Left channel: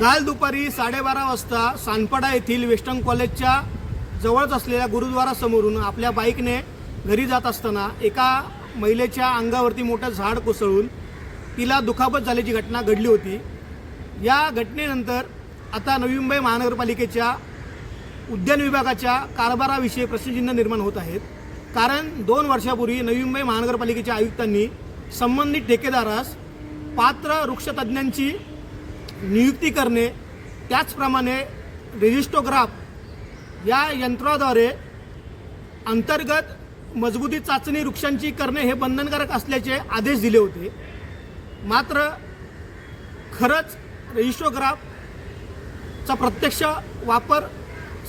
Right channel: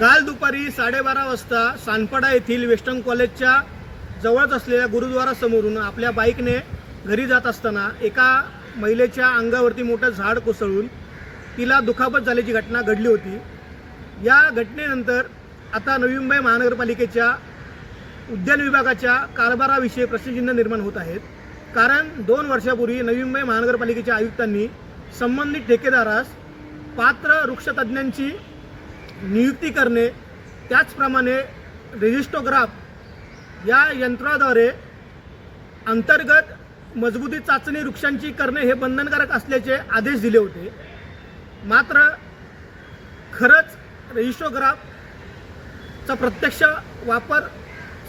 काल दुपारी 12:30 वाजता सानपाडा येथील वेस्टर्न कॉलेजच्या जवळच असलेल्या गुरुद्वारासमोरून आपल्या बाईकने घरी जात असताना एका महिलेच्या अंगावरती मोठं झाड कोसळून तिला दुखापत झाल्याची घटना घडली होती। या घटनेनंतर आता नवी मुंबई महानगरपालिकेच्या उद्यान विभागाच्या कारभाराविषयी प्रश्नचिन्ह निर्माण होत आहेत। कारण 2 वर्षापूर्वी नवी मुंबई महानगरपालिकेच्या आयुक्तांनी संबंधित ठेकेदारास पात्र वृक्षतज्ञांची नियुक्ती करणे, त्याचप्रमाणे रेजिस्टोग्राफ या यंत्राद्वारे अंतर्गत मजबूती चाचणी वृक्षांची करणे हे बंधनकारक असल्याचे आदेश दिले होते। मात्र खरंच रेजिस्टोग्राफचा प्रत्यक्ष वापर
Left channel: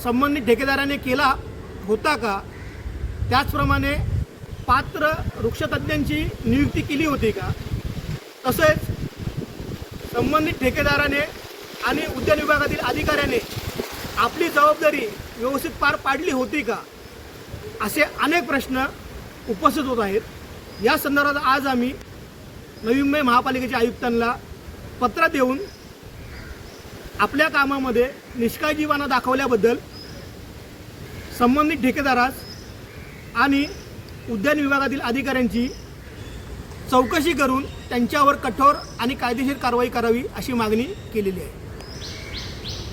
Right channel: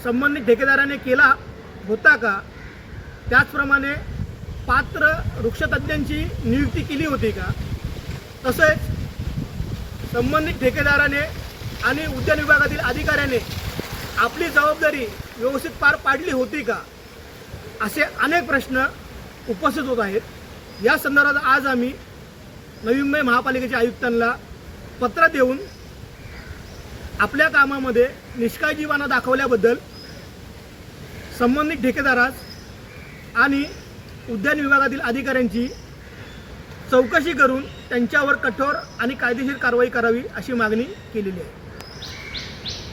संबंधित ठेकेदाराने केला होता का? त्याचप्रमाणे पात्र वृक्षतज्ञांची नियुक्ती केली होती का? तसेच संबंधित ठेकेदाराने आणि उद्यान विभागातील अधिकाऱ्याने आपली जबाबदारी व्यवस्थित पार पाडली होती का? असे अनेक प्रश्न उपस्थित होत आहेत। या संदर्भात आज आम्ही नवी मुंबई महापालिकेच्या आयुक्तांना पत्र देऊन आपल्या कामामध्ये निष्काळजीपणा दाखवल्याबद्दल संबंधित ठेकेदारास आणि उद्यान विभागातील अधिकाऱ्यांची चौकशी करून त्यांच्यावर कठोर आणि कायदेशीर कारवाई करावी अशी मागणी केलेली आहे।